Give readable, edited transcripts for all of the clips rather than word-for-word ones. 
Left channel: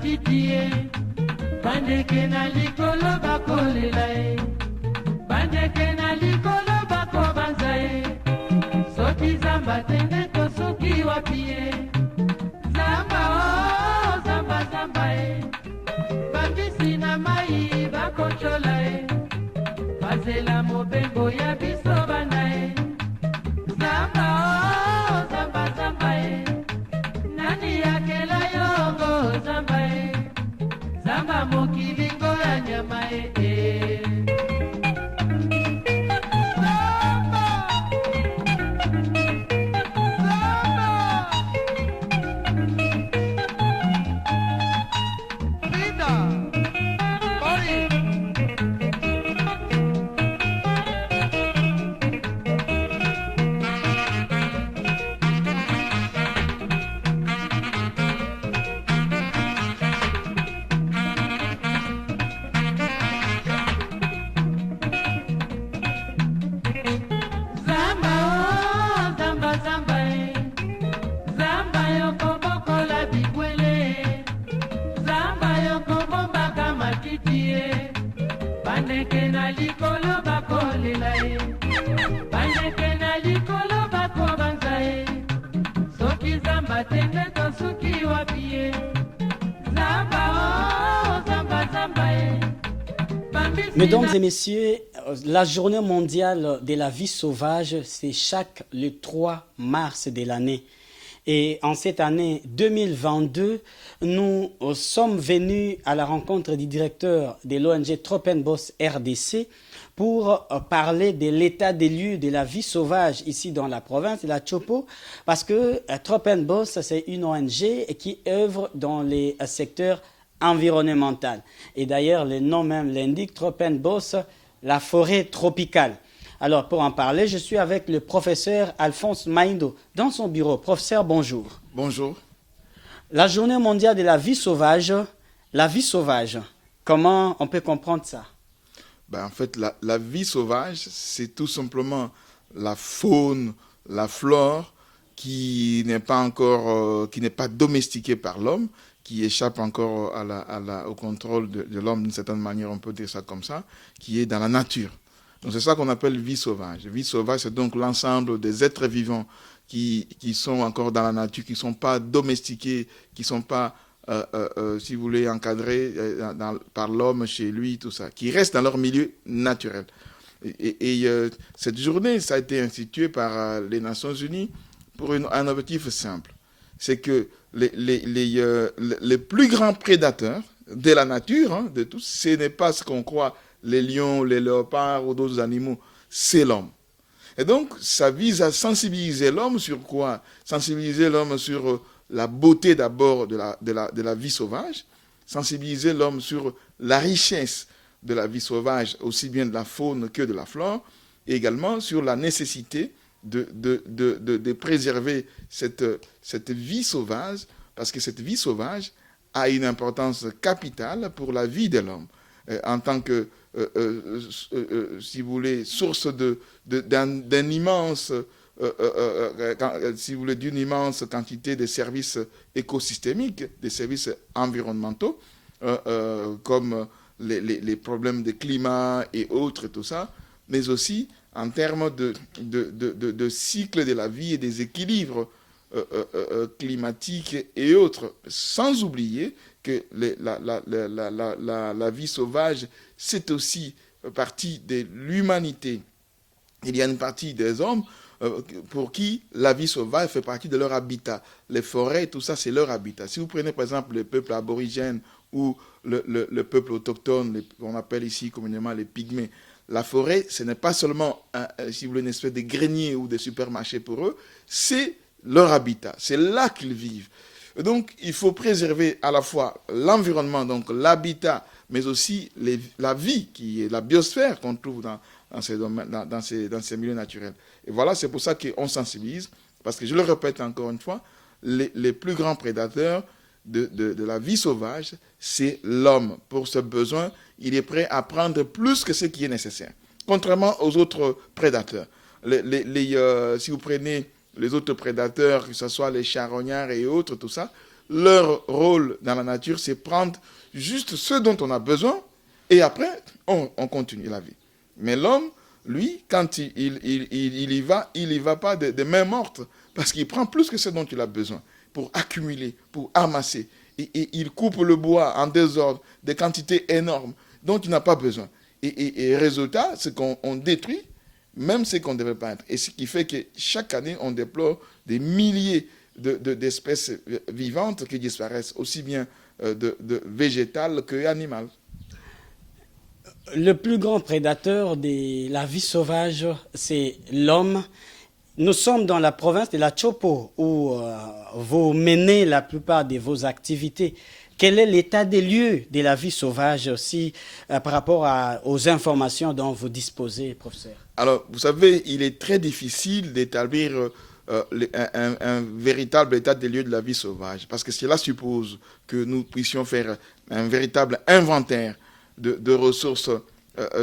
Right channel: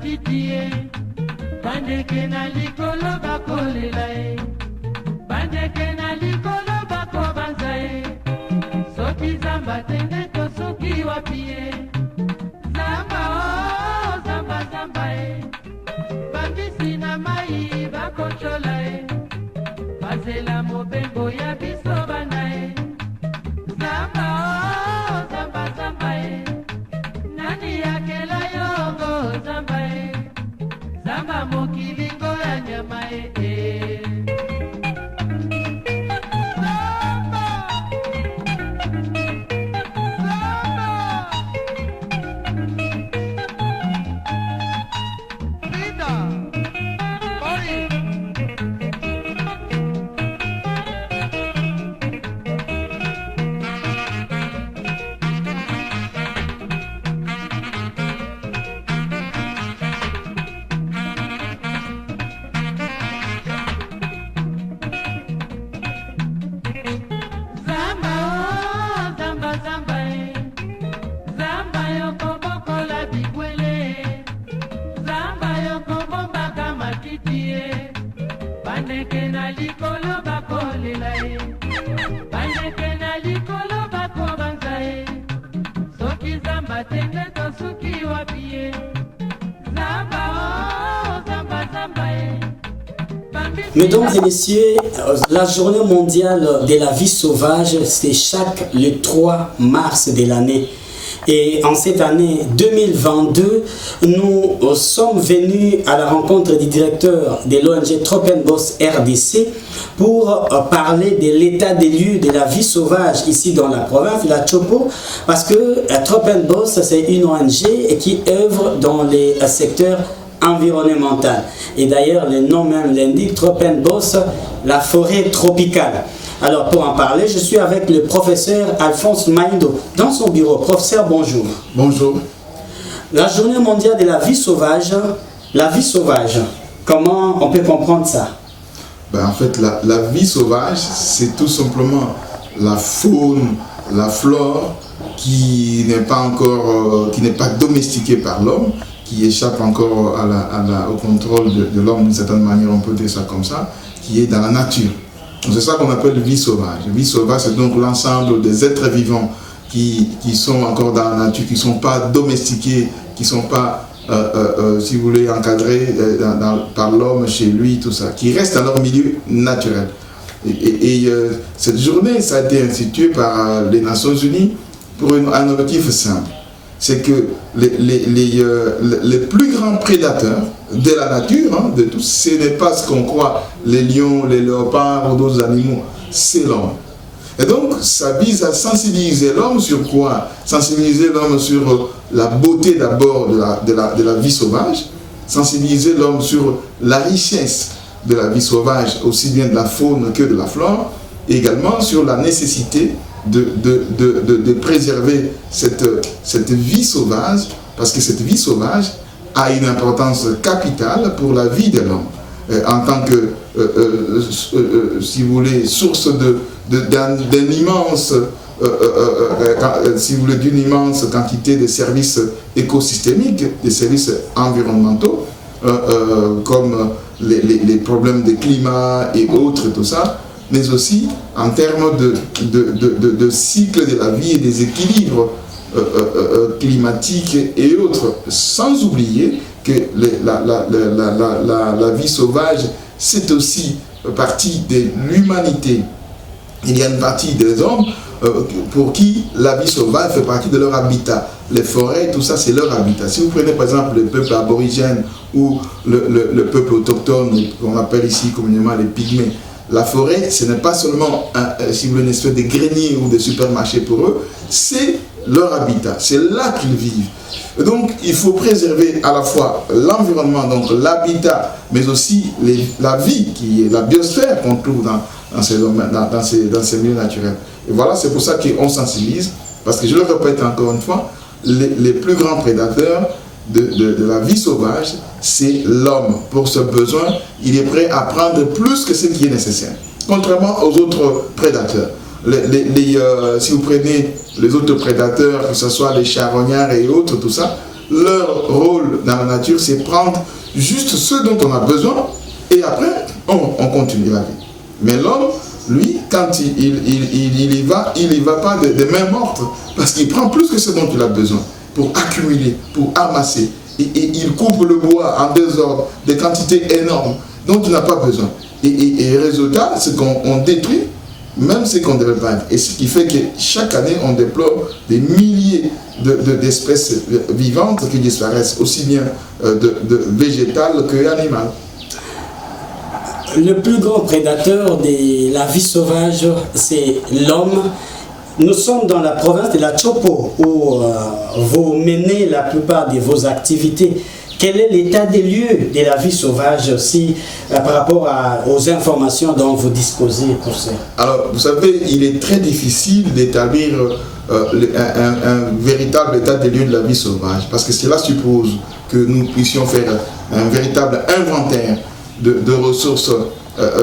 matiti bandeke na likolo bakolela bandeke na likolo bakobanza soki zamba tende to soki wapi zamba o zamba zamba bambisi na mai bakochola bazela mobengo ya biso bana zamba o zamba zamba nani yakela yongo zamba zamba mokilingo ya nyama Mesdames et messieurs, la journée mondiale de la vie sauvage, c'est le 3 mars de l'année. Et en cette année 2022, nous sommes venus à la rencontre du directeur de l'ONG Tropenbos RDC pour parler de l'état des lieux de la vie sauvage ici dans la province de la Chopo, parce que Tropenbos, c'est une ONG qui œuvre dans les secteurs environnemental. Et d'ailleurs, le nom même l'indique, Tropenbos, la forêt tropicale. Alors, pour en parler, je suis avec le professeur Alphonse Maïdo dans son bureau. Professeur, bonjour. Bonjour. La journée mondiale de la vie sauvage, comment on peut comprendre ça? En fait, la vie sauvage, c'est tout simplement la faune, la flore qui n'est pas domestiquée par l'homme, qui échappe encore au contrôle de l'homme d'une certaine manière, on peut dire ça comme ça, qui est dans la nature. C'est ça qu'on appelle vie sauvage. Vie sauvage, c'est donc l'ensemble des êtres vivants qui sont encore dans la nature, qui ne sont pas domestiqués, qui ne sont pas, si vous voulez, encadrés par l'homme chez lui, tout ça, qui restent dans leur milieu naturel. Et cette journée, ça a été institué par les Nations Unies pour un objectif simple. C'est que les plus grands prédateurs de la nature, de tous, ce n'est pas ce qu'on croit, les lions, les léopards ou d'autres animaux, c'est l'homme. Et donc, ça vise à sensibiliser l'homme sur quoi? Sensibiliser l'homme sur la beauté d'abord de la vie sauvage, sensibiliser l'homme sur la richesse de la vie sauvage, aussi bien de la faune que de la flore, et également sur la nécessité de préserver cette vie sauvage, parce que cette vie sauvage a une importance capitale pour la vie de l'homme, en tant que, si vous voulez, source d'une immense, si vous voulez, d'une immense quantité de services écosystémiques, des services environnementaux, comme les problèmes de climat et autres, tout ça, mais aussi en termes de cycle de la vie et des équilibres climatiques et autres, sans oublier que la vie sauvage, c'est aussi partie de l'humanité. Il y a une partie des hommes pour qui la vie sauvage fait partie de leur habitat. Les forêts, tout ça, c'est leur habitat. Si vous prenez par exemple le peuple aborigène ou le peuple autochtone, qu'on appelle ici communément les pygmées, la forêt, ce n'est pas seulement si vous voulez, une espèce de grenier ou de supermarché pour eux, c'est leur habitat, c'est là qu'ils vivent. Et donc, il faut préserver à la fois l'environnement, donc l'habitat, mais aussi la vie, qui est la biosphère qu'on trouve dans ces milieux naturels. Et voilà, c'est pour ça qu'on sensibilise, parce que je le répète encore une fois, les plus grands prédateurs de la vie sauvage, c'est l'homme. Pour ce besoin, il est prêt à prendre plus que ce qui est nécessaire, contrairement aux autres prédateurs. Si vous prenez les autres prédateurs, que ce soit les charognards et autres, tout ça, leur rôle dans la nature, c'est prendre juste ce dont on a besoin et après, on continue la vie. Mais l'homme, lui, quand il y va pas de main morte, parce qu'il prend plus que ce dont il a besoin pour accumuler, pour amasser. Et il coupe le bois en désordre, des quantités énormes dont il n'a pas besoin. Et résultat, c'est qu'on détruit même ce qu'on ne devait pas être. Et ce qui fait que chaque année, on déplore des milliers d'espèces vivantes qui disparaissent, aussi bien de végétales que animales. Le plus grand prédateur de la vie sauvage, c'est l'homme. Nous sommes dans la province de la Chopo, où vous menez la plupart de vos activités. Quel est l'état des lieux de la vie sauvage aussi par rapport aux informations dont vous disposez pour ça? Alors, vous savez, il est très difficile d'établir un véritable état des lieux de la vie sauvage, parce que cela suppose que nous puissions faire un véritable inventaire de ressources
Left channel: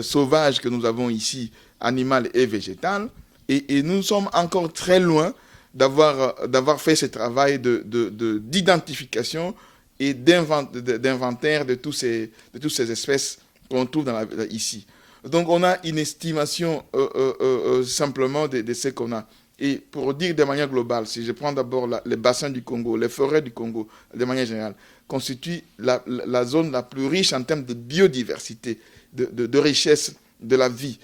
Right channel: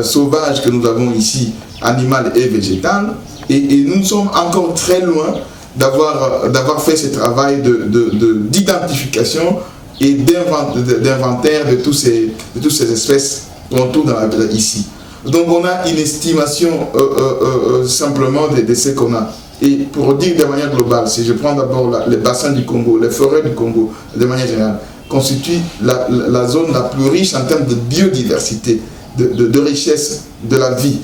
sauvages que nous avons ici, animales et végétales, et nous sommes encore très loin d'avoir fait ce travail d'identification et d'inventaire de toutes ces espèces qu'on trouve ici. Donc on a une estimation simplement de ce qu'on a. Et pour dire de manière globale, si je prends d'abord les bassins du Congo, les forêts du Congo, de manière générale, constituent la zone la plus riche en termes de biodiversité, de richesse de la vie.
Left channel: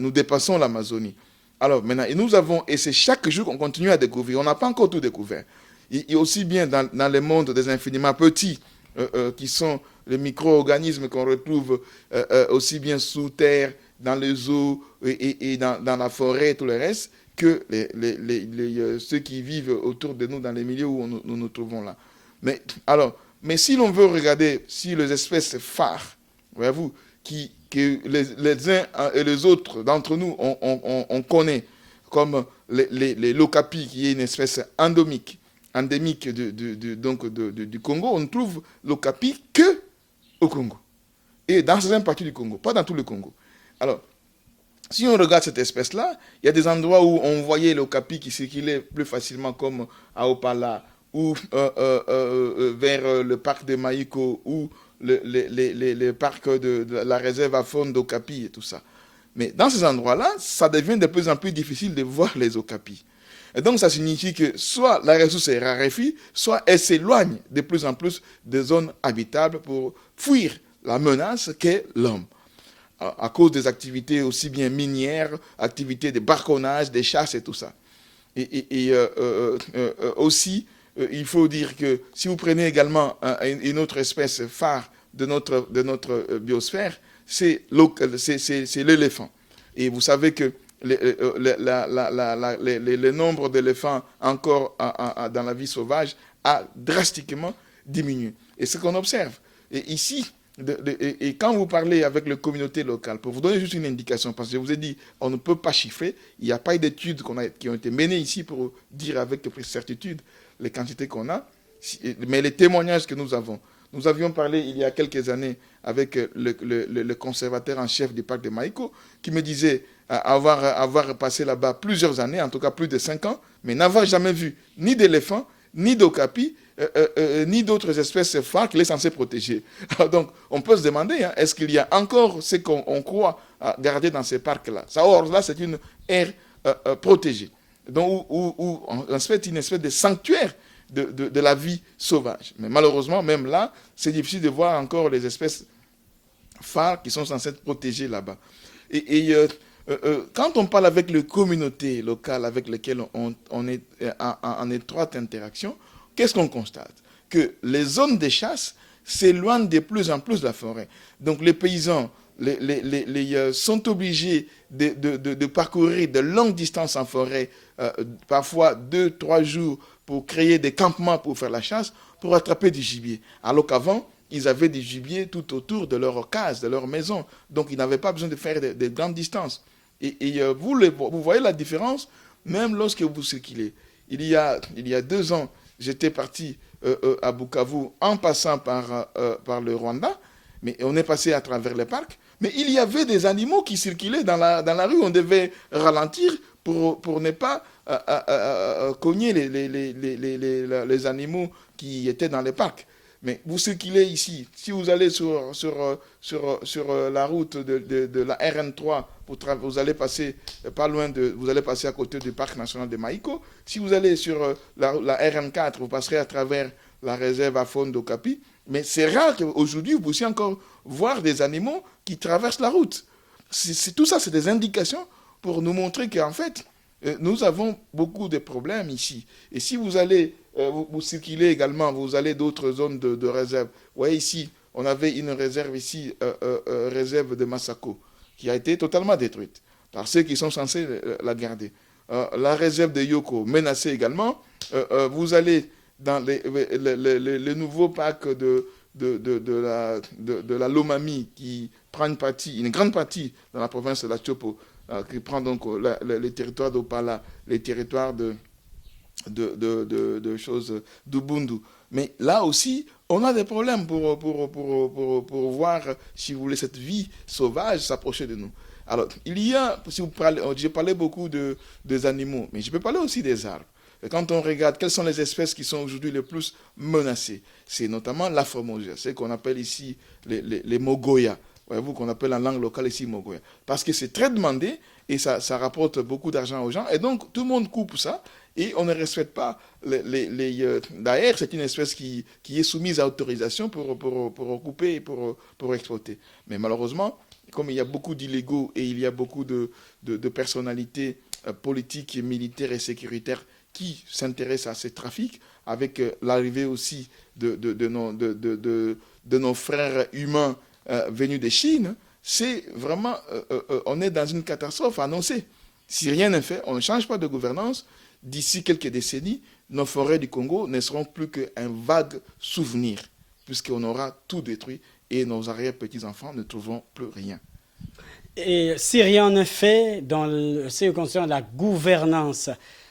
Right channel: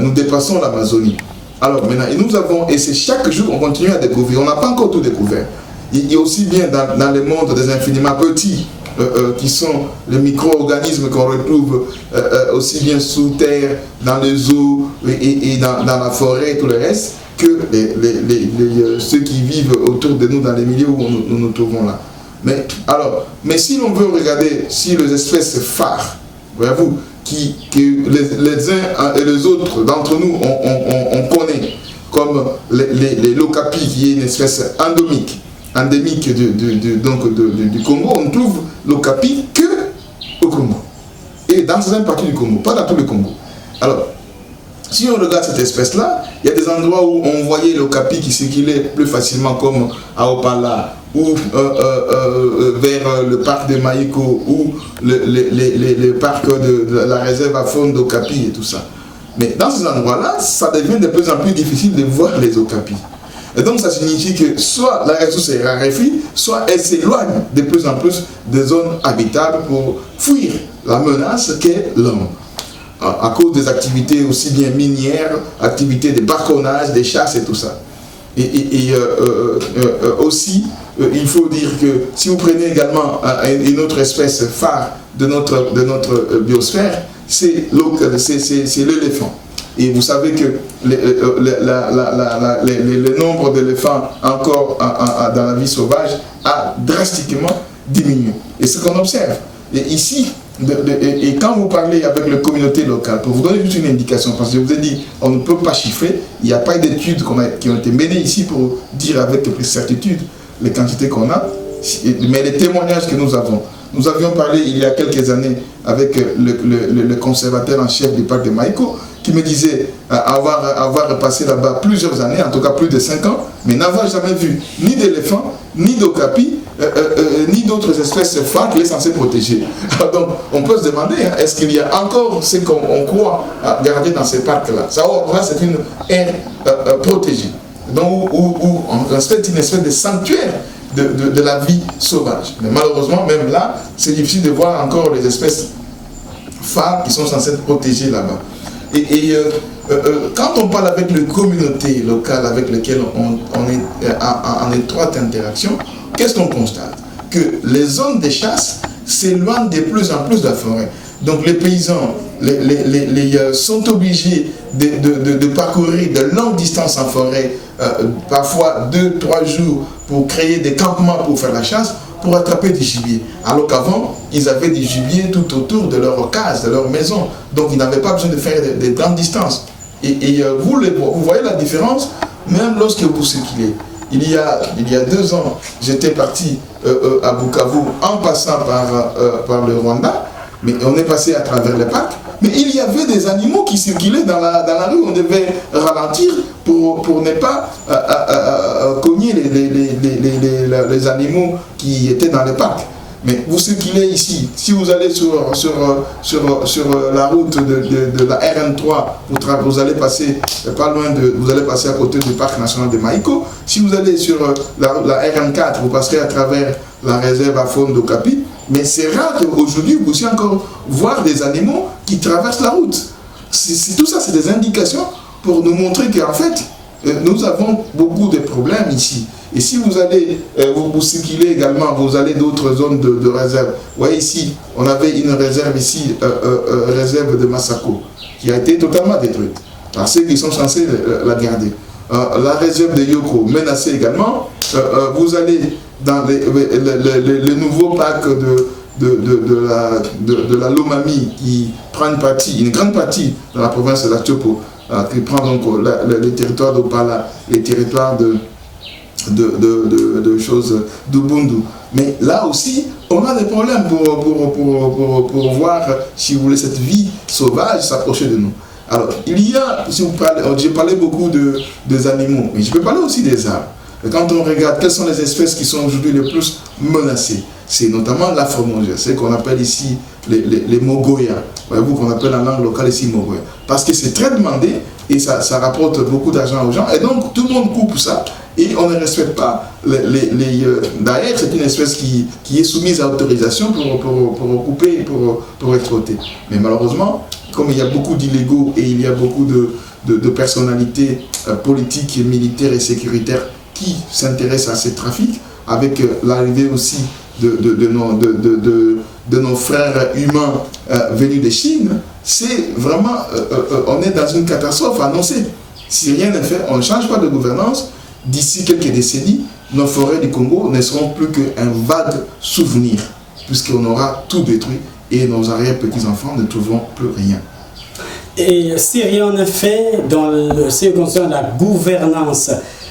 Nous dépassons l'Amazonie. Alors maintenant, et c'est chaque jour qu'on continue à découvrir, on n'a pas encore tout découvert. Il y a aussi bien dans le monde des infiniment petits, qui sont les micro-organismes qu'on retrouve aussi bien sous terre, dans les eaux et dans la forêt et tout le reste, que ceux qui vivent autour de nous dans les milieux où nous nous trouvons là. Mais si l'on veut regarder si les espèces phares, voyez-vous, que les uns et les autres d'entre nous on connaît, comme les lokapis, qui est une espèce endémique du Congo, on trouve l'okapi que au Congo. Et dans certaines parties du Congo, pas dans tout le Congo. Alors, si on regarde cette espèce-là, il y a des endroits où on voyait l'okapi qui circulait plus facilement, comme à Opala, ou vers le parc de Maïko, ou le parc de la réserve à faune d'okapi et tout ça. Mais dans ces endroits-là, ça devient de plus en plus difficile de voir les okapis. Et donc ça signifie que soit la ressource est raréfie, soit elle s'éloigne de plus en plus des zones habitables pour fuir la menace qu'est l'homme. À cause des activités aussi bien minières, activités de barconnage, des chasses et tout ça. Aussi, il faut dire que si vous prenez également une autre espèce phare de notre biosphère, c'est l'éléphant. Et vous savez que le nombre d'éléphants encore dans la vie sauvage a drastiquement diminué. Et c'est ce qu'on observe. Et ici, et quand vous parlez avec les communautés locales, pour vous donner juste une indication, parce que je vous ai dit, on ne peut pas chiffrer, il n'y a pas d'études qui ont été menées ici pour dire avec plus certitude les quantités qu'on a, mais les témoignages que nous avons. Nous avions parlé il y a quelques années avec le conservateur en chef du parc de Maïko, qui me disait avoir passé là-bas plusieurs années, en tout cas plus de 5 ans, mais n'avoir jamais vu ni d'éléphants, ni d'okapis, ni d'autres espèces phares qu'il est censé protéger. Alors donc, on peut se demander, est-ce qu'il y a encore ce qu'on croit garder dans ces parcs-là? Ça, c'est une aire protégée, donc où on respecte une espèce de sanctuaire de la vie sauvage. Mais malheureusement, même là, c'est difficile de voir encore les espèces phares qui sont censées être protégées là-bas. Quand on parle avec les communautés locales avec lesquelles on est en étroite interaction, qu'est-ce qu'on constate? Que les zones de chasse s'éloignent de plus en plus de la forêt. Donc les paysans sont obligés de parcourir de longues distances en forêt, parfois 2-3 jours, pour créer des campements pour faire la chasse, pour attraper du gibier. Alors qu'avant, ils avaient du gibier tout autour de leur case, de leur maison. Donc ils n'avaient pas besoin de faire des grandes distances. Vous voyez la différence, même lorsque vous circulez. Il y a 2 ans, j'étais parti à Bukavu en passant par le Rwanda, mais on est passé à travers les parcs. Mais il y avait des animaux qui circulaient dans la rue, on devait ralentir pour ne pas cogner les animaux qui étaient dans les parcs. Mais vous circulez ici, si vous allez sur la route de la RN3, vous allez passer pas loin vous allez passer à côté du parc national de Maïko. Si vous allez sur la RN4, vous passerez à travers la réserve à faune d'Okapi. Mais c'est rare qu'aujourd'hui vous puissiez encore voir des animaux qui traversent la route. Tout ça, c'est des indications pour nous montrer qu'en fait, nous avons beaucoup de problèmes ici. Et si vous allez, vous circulez également, vous allez d'autres zones de réserve. Vous voyez ici, on avait une réserve ici, réserve de Massako, qui a été totalement détruite par ceux qui sont censés la garder. La réserve de Yoko, menacée également. Vous allez dans le nouveau parc de la Lomami, qui prend une grande partie de la province de la Tchopo, qui prend donc les territoires d'Opala, les territoires de choses d'Ubundu. Mais là aussi, on a des problèmes pour voir, si vous voulez, cette vie sauvage s'approcher de nous. Alors, il y a, si vous parlez, j'ai parlé beaucoup des animaux, mais je peux parler aussi des arbres. Et quand on regarde quelles sont les espèces qui sont aujourd'hui les plus menacées, c'est notamment la formongia, c'est qu'on appelle ici les mogoya. Voyez-vous qu'on appelle en langue locale ici mogoya. Parce que c'est très demandé et ça rapporte beaucoup d'argent aux gens. Et donc tout le monde coupe ça et on ne respecte pas d'ailleurs, c'est une espèce qui est soumise à autorisation pour couper, pour exploiter. Mais malheureusement, comme il y a beaucoup d'illégaux et il y a beaucoup de personnalités politiques, militaires et sécuritaires qui s'intéressent à ces trafics, avec l'arrivée aussi de nos frères humains venus de Chine, c'est vraiment, on est dans une catastrophe annoncée. Si rien n'est fait, on ne change pas de gouvernance, d'ici quelques décennies, nos forêts du Congo ne seront plus qu'un vague souvenir, puisqu'on aura tout détruit et nos arrière-petits-enfants ne trouveront plus rien. Et si rien n'est fait dans ce qui concerne la gouvernance,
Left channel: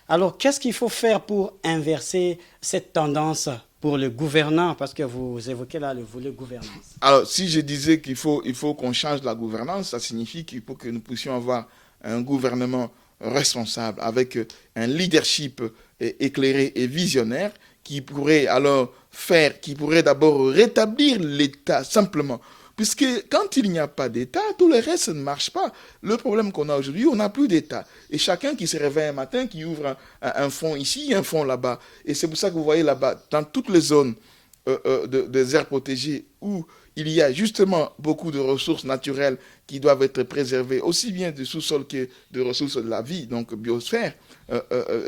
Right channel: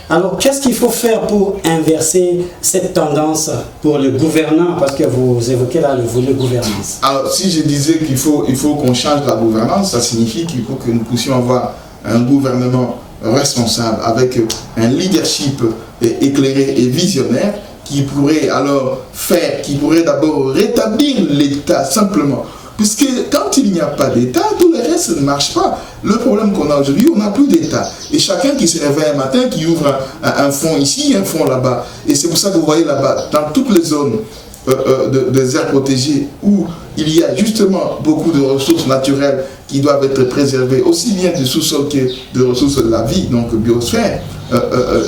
alors qu'est-ce qu'il faut faire pour inverser cette tendance pour le gouvernant, parce que vous évoquez là le volet gouvernance? Alors si je disais qu'il faut qu'on change la gouvernance, ça signifie qu'il faut que nous puissions avoir un gouvernement responsable avec un leadership éclairé et visionnaire qui pourrait alors faire, qui pourrait d'abord rétablir l'État simplement. Puisque quand il n'y a pas d'État, tout le reste ne marche pas. Le problème qu'on a aujourd'hui, on n'a plus d'État. Et chacun qui se réveille un matin, qui ouvre un fonds ici, un fonds là-bas. Et c'est pour ça que vous voyez là-bas, dans toutes les zones des aires protégées, où il y a justement beaucoup de ressources naturelles qui doivent être préservées, aussi bien du sous-sol que de ressources de la vie, donc biosphère,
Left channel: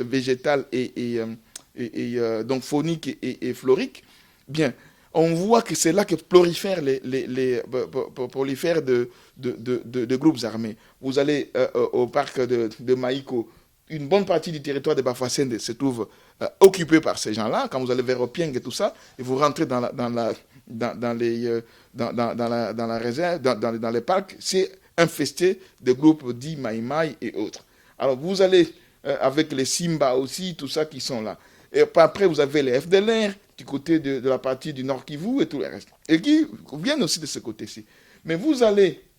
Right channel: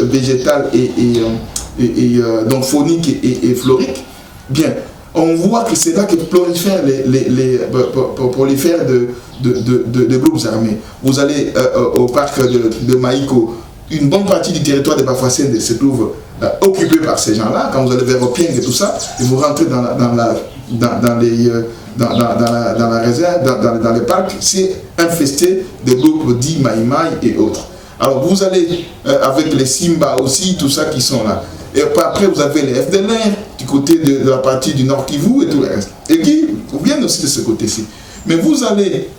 végétale donc faunique et florique, bien, on voit que c'est là que prolifèrent de groupes armés. Vous allez au parc de Maïko, une bonne partie du territoire de Bafouassende se trouve occupé par ces gens-là. Quand vous allez vers Opieng et tout ça, et vous rentrez dans la réserve, dans les parcs, c'est infesté de groupes dits Maïmaï et autres. Alors vous allez avec les Simba aussi, tout ça qui sont là. Et après, vous avez les FDLR du côté de la partie du Nord Kivu et tout le reste. Et qui viennent aussi de ce côté-ci. Mais vous allez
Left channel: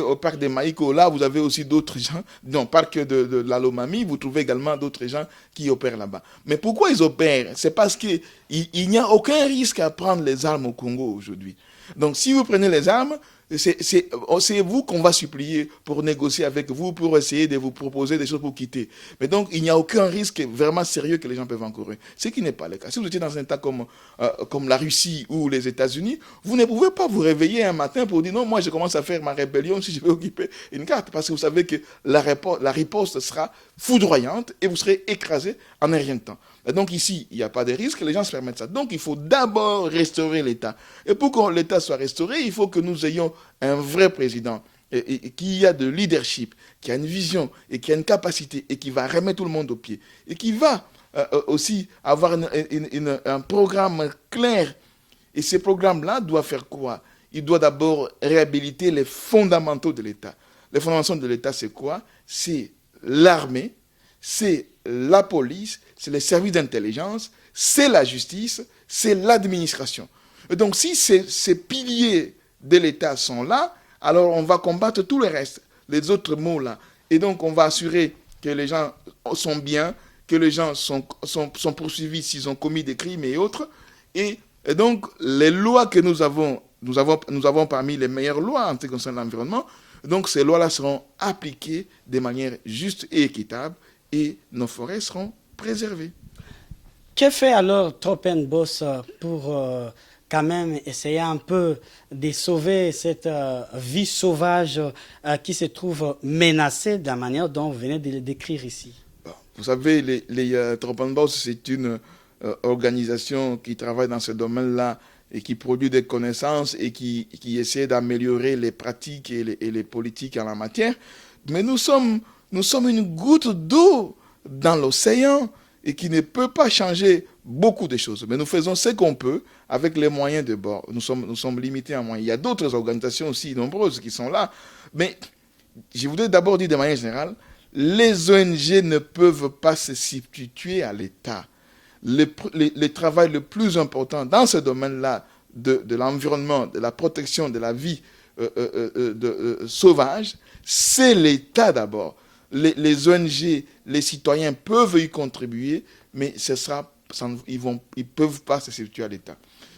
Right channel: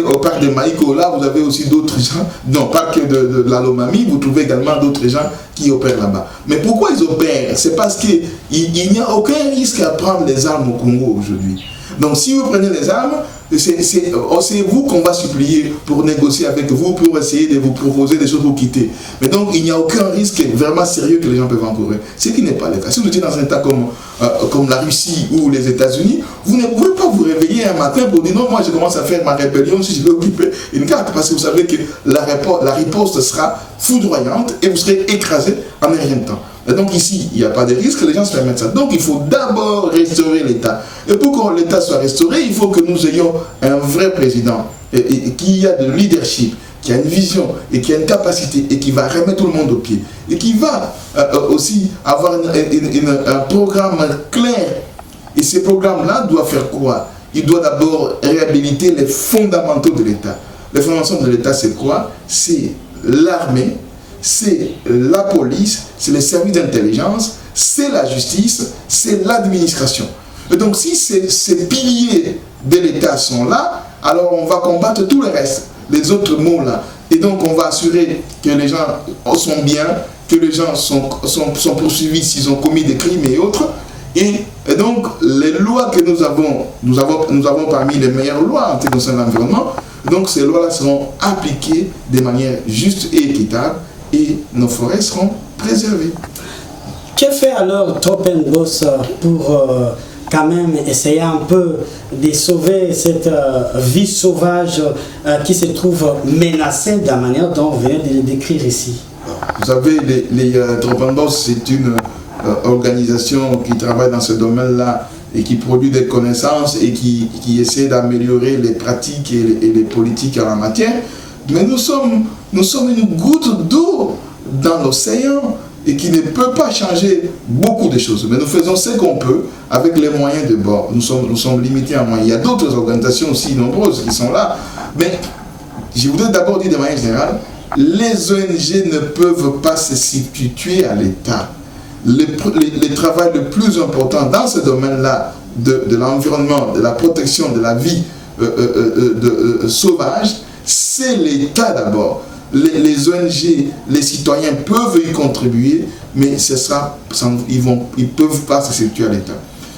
au parc de Maïko, là, vous avez aussi d'autres gens. Dans le parc de la Lomami, vous trouvez également d'autres gens qui opèrent là-bas. Mais pourquoi ils opèrent? C'est parce qu'il n'y a aucun risque à prendre les armes au Congo aujourd'hui. Donc, si vous prenez les armes, c'est vous qu'on va supplier pour négocier avec vous, pour essayer de vous proposer des choses pour quitter. Mais donc, il n'y a aucun risque vraiment sérieux que les gens peuvent encourir. Ce qui n'est pas le cas. Si vous étiez dans un état comme la Russie ou les États-Unis, vous ne pouvez pas vous réveiller un matin pour dire non, moi je commence à faire ma rébellion si je vais occuper une carte. Parce que vous savez que la riposte sera foudroyante et vous serez écrasé en un rien de temps. Et donc ici, il n'y a pas de risque, les gens se permettent ça. Donc il faut d'abord restaurer l'État. Et pour que l'État soit restauré, il faut que nous ayons un vrai président qui a de leadership, qui a une vision et qui a une capacité et qui va remettre tout le monde au pied. Et qui va aussi avoir un programme clair. Et ce programme-là doit faire quoi? Il doit d'abord réhabiliter les fondamentaux de l'État. Les fondamentaux de l'État, c'est quoi? C'est l'armée, c'est la police, c'est les services d'intelligence, c'est la justice, c'est l'administration. Et donc si ces piliers de l'État sont là, alors on va combattre tout le reste, les autres mots là. Et donc on va assurer que les gens sont bien, que les gens sont poursuivis s'ils ont commis des crimes et autres. Et donc, les lois que nous avons parmi les meilleures lois en ce qui concerne l'environnement. Donc, ces lois-là seront appliquées de manière juste et équitable et nos forêts seront préservées. Que fait alors Tropenbos pour quand même essayer un peu de sauver cette vie sauvage qui se trouve menacée de la manière dont on vient de le décrire ici? Vous savez, les Tropenbos, c'est une organisation qui travaille dans ce domaine-là et qui produit des connaissances et qui essaie d'améliorer les pratiques et les politiques en la matière. Mais nous sommes une goutte d'eau dans l'océan et qui ne peut pas changer beaucoup de choses. Mais nous faisons ce qu'on peut avec les moyens de bord. Nous sommes limités en moyens. Il y a d'autres organisations aussi nombreuses qui sont là. Mais je voudrais d'abord dire de manière générale, les ONG ne peuvent pas se substituer à l'État. Le travail le plus important dans ce domaine-là de l'environnement, de la protection de la vie sauvage, c'est l'État d'abord. Les ONG, les citoyens peuvent y contribuer, mais ils ne peuvent pas se substituer à l'État.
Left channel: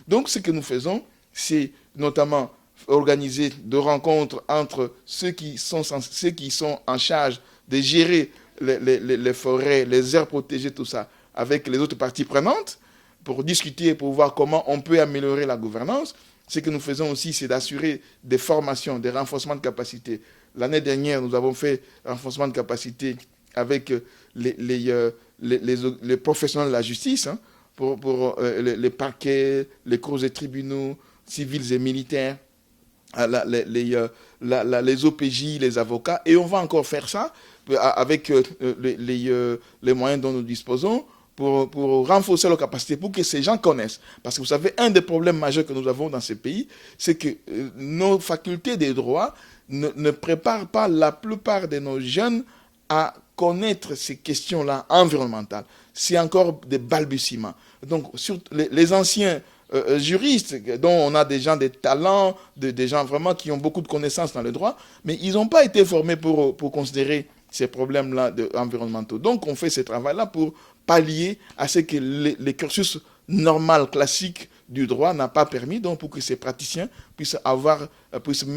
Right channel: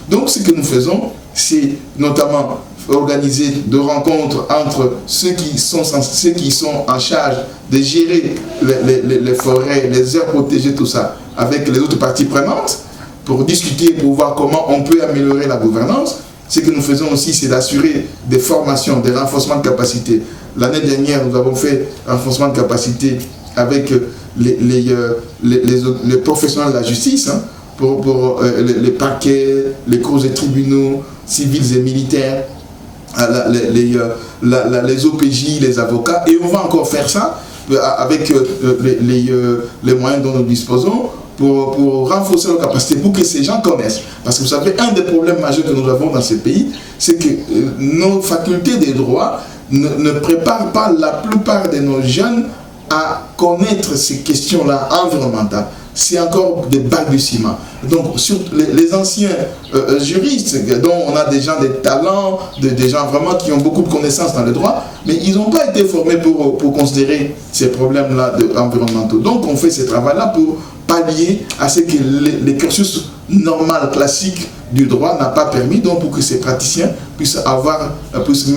Donc ce que nous faisons, c'est notamment organiser de rencontres entre ceux qui sont en charge de gérer les forêts, les aires protégées, tout ça, avec les autres parties prenantes, pour discuter, pour voir comment on peut améliorer la gouvernance. Ce que nous faisons aussi, c'est d'assurer des formations, des renforcements de capacité. L'année dernière, nous avons fait un renforcement de capacité avec les professionnels de la justice, hein, pour les parquets, les cours et tribunaux civils et militaires, les OPJ, les avocats, et on va encore faire ça avec les moyens dont nous disposons pour renforcer nos capacités, pour que ces gens connaissent. Parce que vous savez, un des problèmes majeurs que nous avons dans ces pays, c'est que nos facultés des droits ne préparent pas la plupart de nos jeunes à connaître ces questions-là environnementales. C'est encore des balbutiements. Donc, sur les anciens juristes, dont on a des gens des talents, des gens vraiment qui ont beaucoup de connaissances dans le droit, mais ils n'ont pas été formés pour considérer ces problèmes-là environnementaux. Donc, on fait ce travail-là pour pallier à ce que les cursus normal, classique du droit n'a pas permis, donc pour que ces praticiens puissent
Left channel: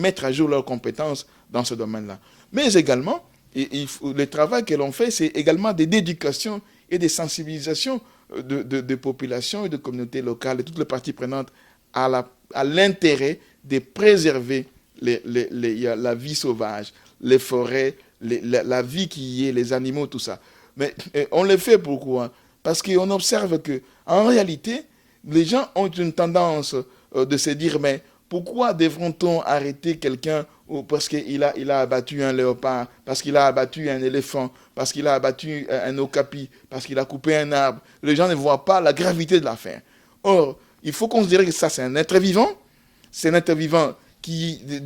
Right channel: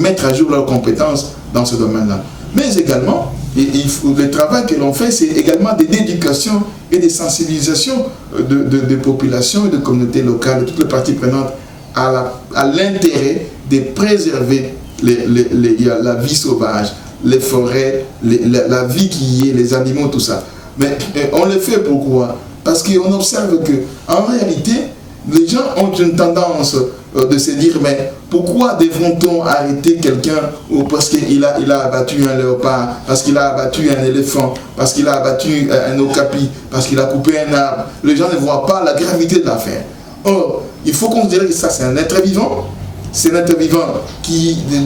mettre à jour leurs compétences dans ce domaine-là. Mais également, le travail que l'on fait, c'est également d'éducation et de sensibilisation de populations et de communautés locales, de toutes les parties prenantes à l'intérêt de préserver la vie sauvage, les forêts, la vie qui y est, les animaux, tout ça. Mais on le fait pourquoi? Parce qu'on observe qu'en réalité, les gens ont une tendance de se dire, mais pourquoi devrait-on arrêter quelqu'un parce qu'il a abattu un léopard, parce qu'il a abattu un éléphant, parce qu'il a abattu un okapi, parce qu'il a coupé un arbre? Les gens ne voient pas la gravité de l'affaire. Or, il faut considérer que ça, c'est un être vivant. C'est un être vivant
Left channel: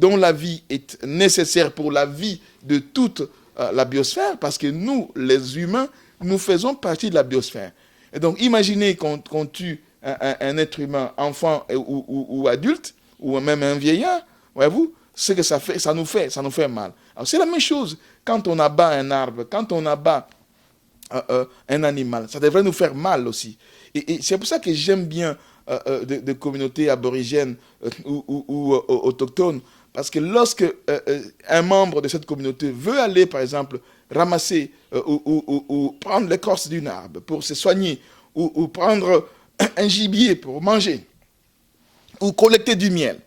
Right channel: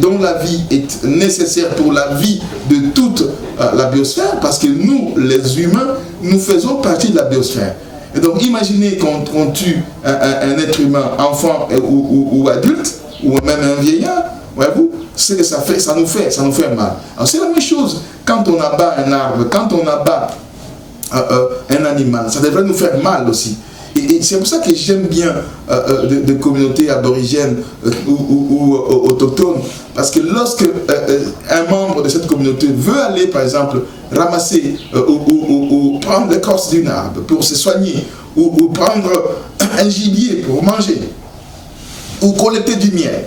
dont la vie est nécessaire pour la vie de toute la biosphère, parce que nous, les humains, nous faisons partie de la biosphère. Et donc, imaginez qu'on tue un être humain, enfant ou adulte, ou même un vieillard, voyez-vous, ce que ça fait, ça nous fait mal. Alors, c'est la même chose quand on abat un arbre, quand on abat un animal, ça devrait nous faire mal aussi. Et c'est pour ça que j'aime bien des communautés aborigènes ou autochtones, parce que lorsque un membre de cette communauté veut aller, par exemple, ramasser ou prendre l'écorce d'un arbre pour se soigner, ou prendre un gibier pour manger, ou collecter du miel,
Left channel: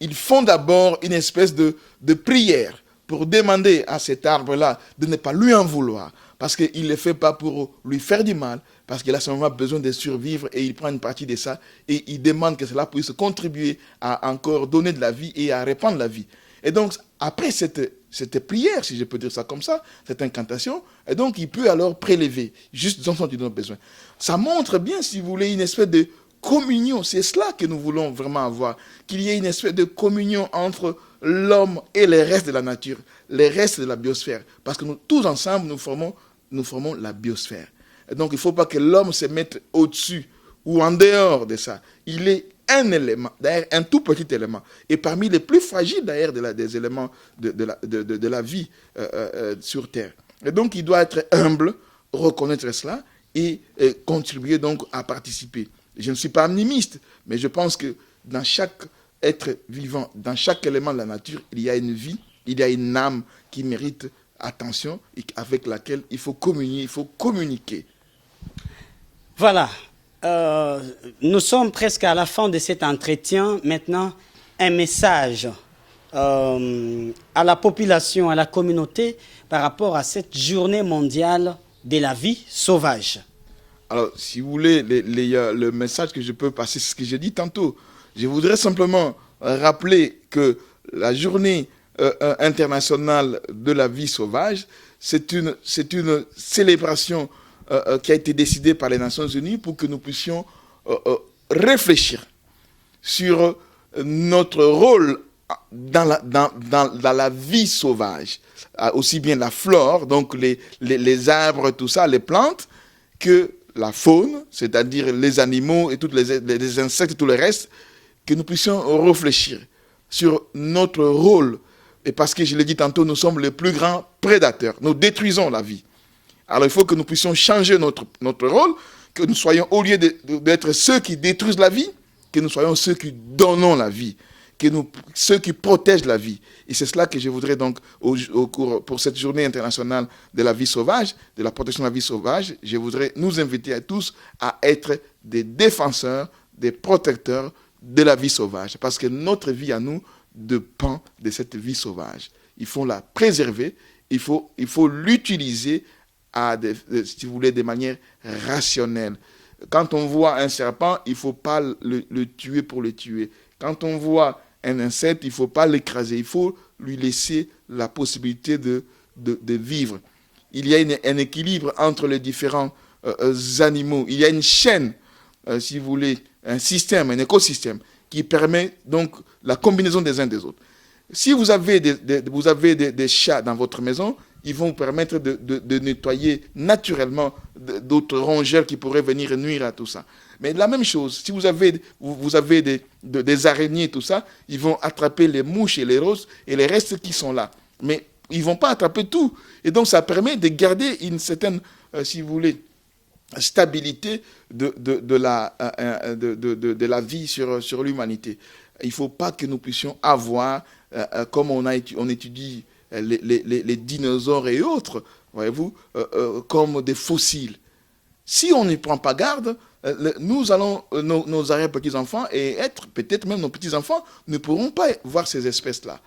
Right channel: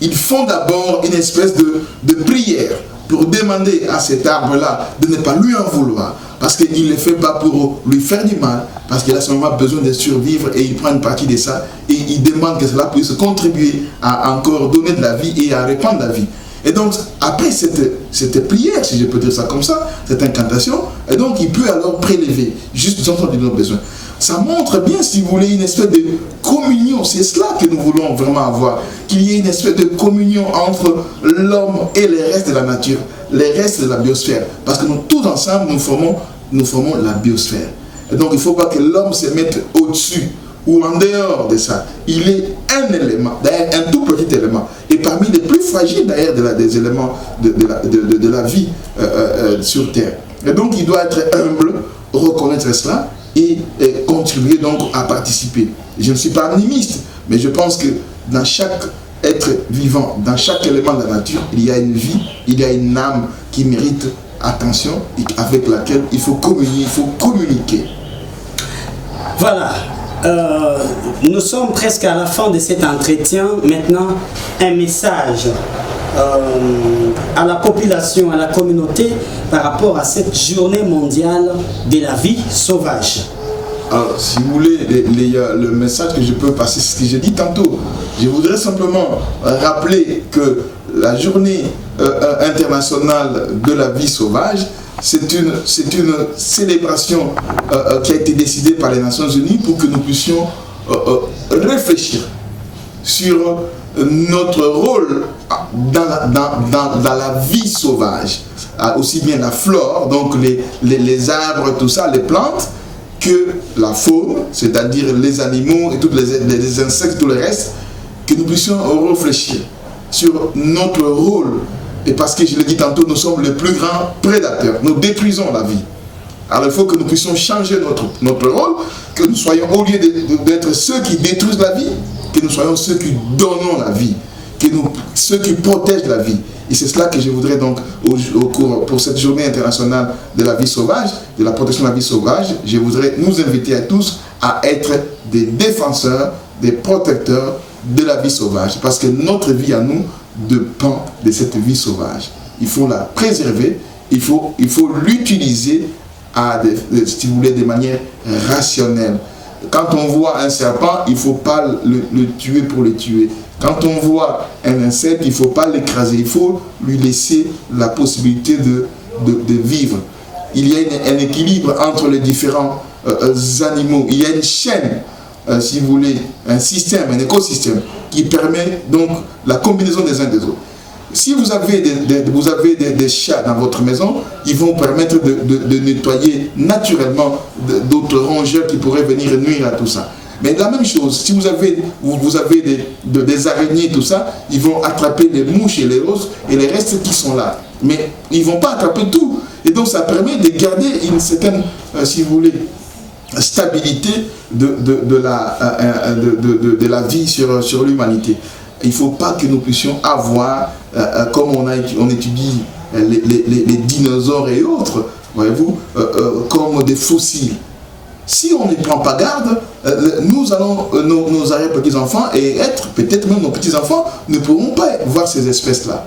ils font d'abord une espèce de prière pour demander à cet arbre-là de ne pas lui en vouloir, parce qu'il ne le fait pas pour lui faire du mal, parce qu'il a seulement besoin de survivre et il prend une partie de ça et il demande que cela puisse contribuer à encore donner de la vie et à répandre la vie. Et donc, après cette prière, si je peux dire ça comme ça, cette incantation, et donc il peut alors prélever, juste dans son besoin. Ça montre bien, si vous voulez, une espèce de communion. C'est cela que nous voulons vraiment avoir. Qu'il y ait une espèce de communion entre l'homme et les restes de la nature, les restes de la biosphère. Parce que nous, tous ensemble, nous formons la biosphère. Et donc, il ne faut pas que l'homme se mette au-dessus ou en dehors de ça. Il est un élément, d'ailleurs un tout petit élément. Et parmi les plus fragiles, d'ailleurs, des éléments de la vie sur Terre. Et donc, il doit être humble, reconnaître cela, et contribuer donc à participer. Je ne suis pas animiste, mais je pense que dans chaque être vivant, dans chaque élément de la nature, il y a une vie, il y a une âme qui mérite attention et avec laquelle il faut communier, il faut communiquer. Voilà, nous sommes presque à la fin de cet entretien. Maintenant, un message à la population, à la communauté par rapport à cette journée mondiale de la vie sauvage. Alors, si vous voulez, le message que je peux passer, c'est ce que j'ai dit tantôt. Je voudrais simplement rappeler que la journée internationale de la vie sauvage, c'est une célébration qui a été décidée par les Nations Unies pour que nous puissions réfléchir sur notre rôle dans la vie sauvage, aussi bien la flore, donc les arbres, tout ça, les plantes, que la faune, c'est-à-dire les animaux et tous les insectes, tout le reste, que nous puissions réfléchir sur notre rôle. Et parce que je l'ai dit tantôt, nous sommes les plus grands prédateurs, nous détruisons la vie. Alors il faut que nous puissions changer notre rôle, que nous soyons, au lieu d'être ceux qui détruisent la vie, que nous soyons ceux qui donnons la vie, ceux qui protègent la vie. Et c'est cela que je voudrais donc, pour cette journée internationale de la vie sauvage, de la protection de la vie sauvage, je voudrais nous inviter à tous à être des défenseurs, des protecteurs de la vie sauvage. Parce que notre vie à nous dépend de cette vie sauvage. Il faut la préserver, il faut l'utiliser si vous voulez, de manière rationnelle. Quand on voit un serpent, il ne faut pas le tuer pour le tuer. Quand on voit un insecte, il ne faut pas l'écraser. Il faut lui laisser la possibilité de vivre. Il y a un équilibre entre les différents animaux. Il y a une chaîne, si vous voulez, un système, un écosystème qui permet donc la combinaison des uns des autres. Si vous avez des chats dans votre maison, ils vont permettre de nettoyer naturellement d'autres rongeurs qui pourraient venir nuire à tout ça. Mais la même chose, si vous avez des araignées, tout ça, ils vont attraper les mouches et les roses et les restes qui sont là. Mais ils ne vont pas attraper tout. Et donc ça permet de garder une certaine, si vous voulez, stabilité de la vie sur l'humanité. Il ne faut pas que nous puissions avoir, comme on étudie les dinosaures et autres, voyez-vous, comme des fossiles. Si on ne prend pas garde, nous allons, nos arrière-petits-enfants et peut-être même nos petits-enfants ne pourront pas voir ces espèces-là,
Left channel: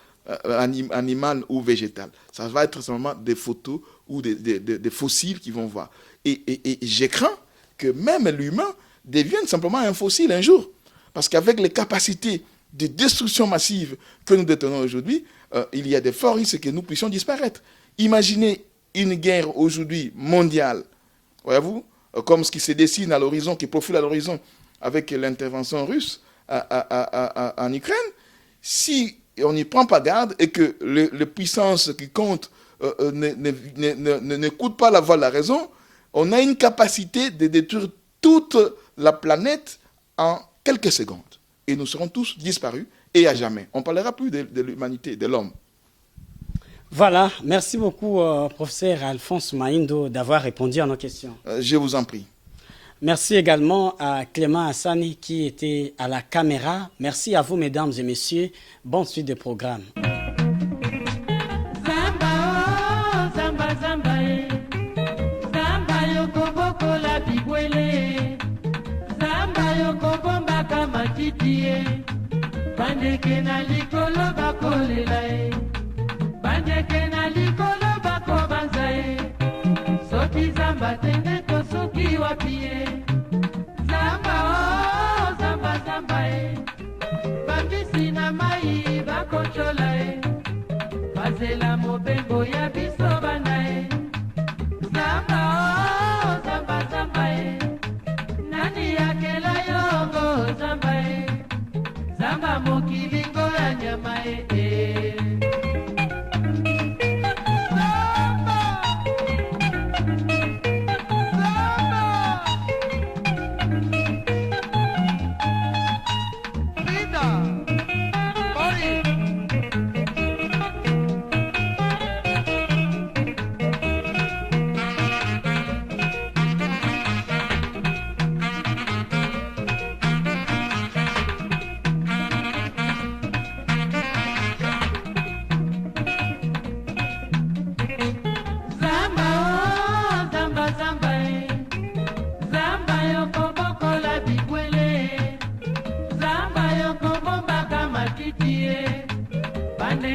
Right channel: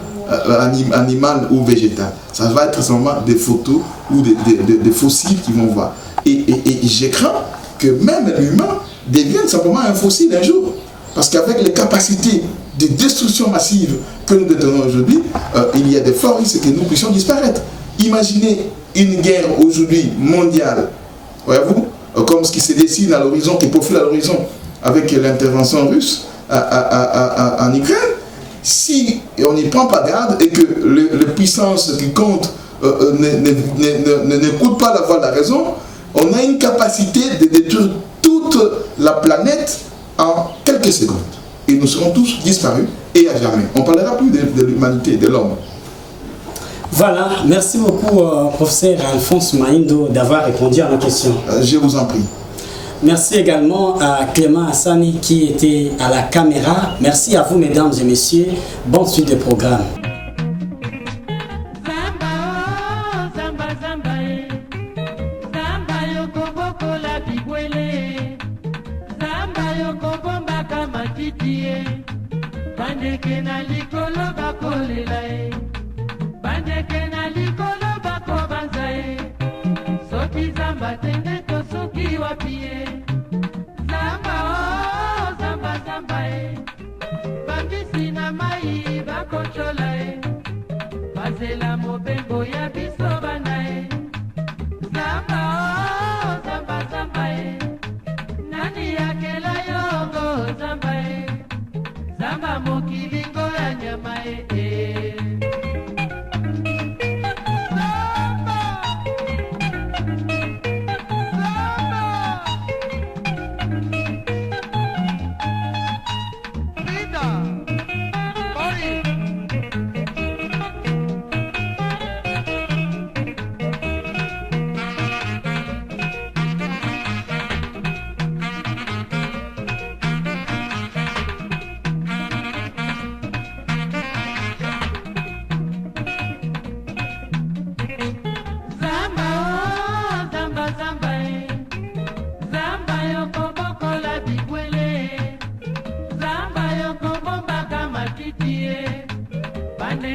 animales ou végétales. Ça va être seulement des photos ou des fossiles qu'ils vont voir. Et j'ai craint que même l'humain devienne simplement un fossile un jour. Parce qu'avec les capacités de destruction massive que nous détenons aujourd'hui, il y a de forts risques que nous puissions disparaître. Imaginez une guerre aujourd'hui mondiale, voyez-vous, comme ce qui se dessine à l'horizon, qui profile à l'horizon avec l'intervention russe en Ukraine. Si on n'y prend pas garde et que les puissances qui comptent n'écoutent pas la voix de la raison, on a une capacité de détruire toute la planète en quelques secondes. Et nous serons tous disparus et à jamais. On ne parlera plus de l'humanité, de l'homme. Voilà, merci beaucoup professeur Alphonse Maindo d'avoir répondu à nos questions. Je vous en prie. Merci également à Clément Hassani qui était à la caméra. Merci à vous mesdames et messieurs. Bonne suite de programme. Bandeke na likolo bakolela e, bandeke na likolo bakobanza e, soki zamba tende to soki wapi e, zamba o zamba zamba e, bambisi na mai bakontrola e, bazela mobengo ya biso bana e, zamba o zamba zamba e, nani yakela yongo zamba e, zamba mokilingo ya nyama e.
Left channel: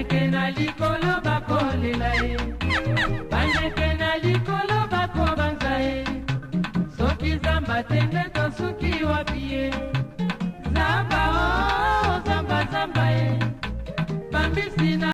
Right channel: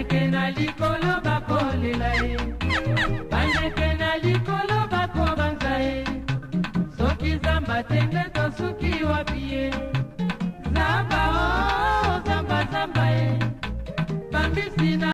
bandeke na likolo bakolela ye, bandeke na likolo bakobanza ye, soki zamba tende tosuki wapi ye, zamba o zamba zamba ye, bambisi na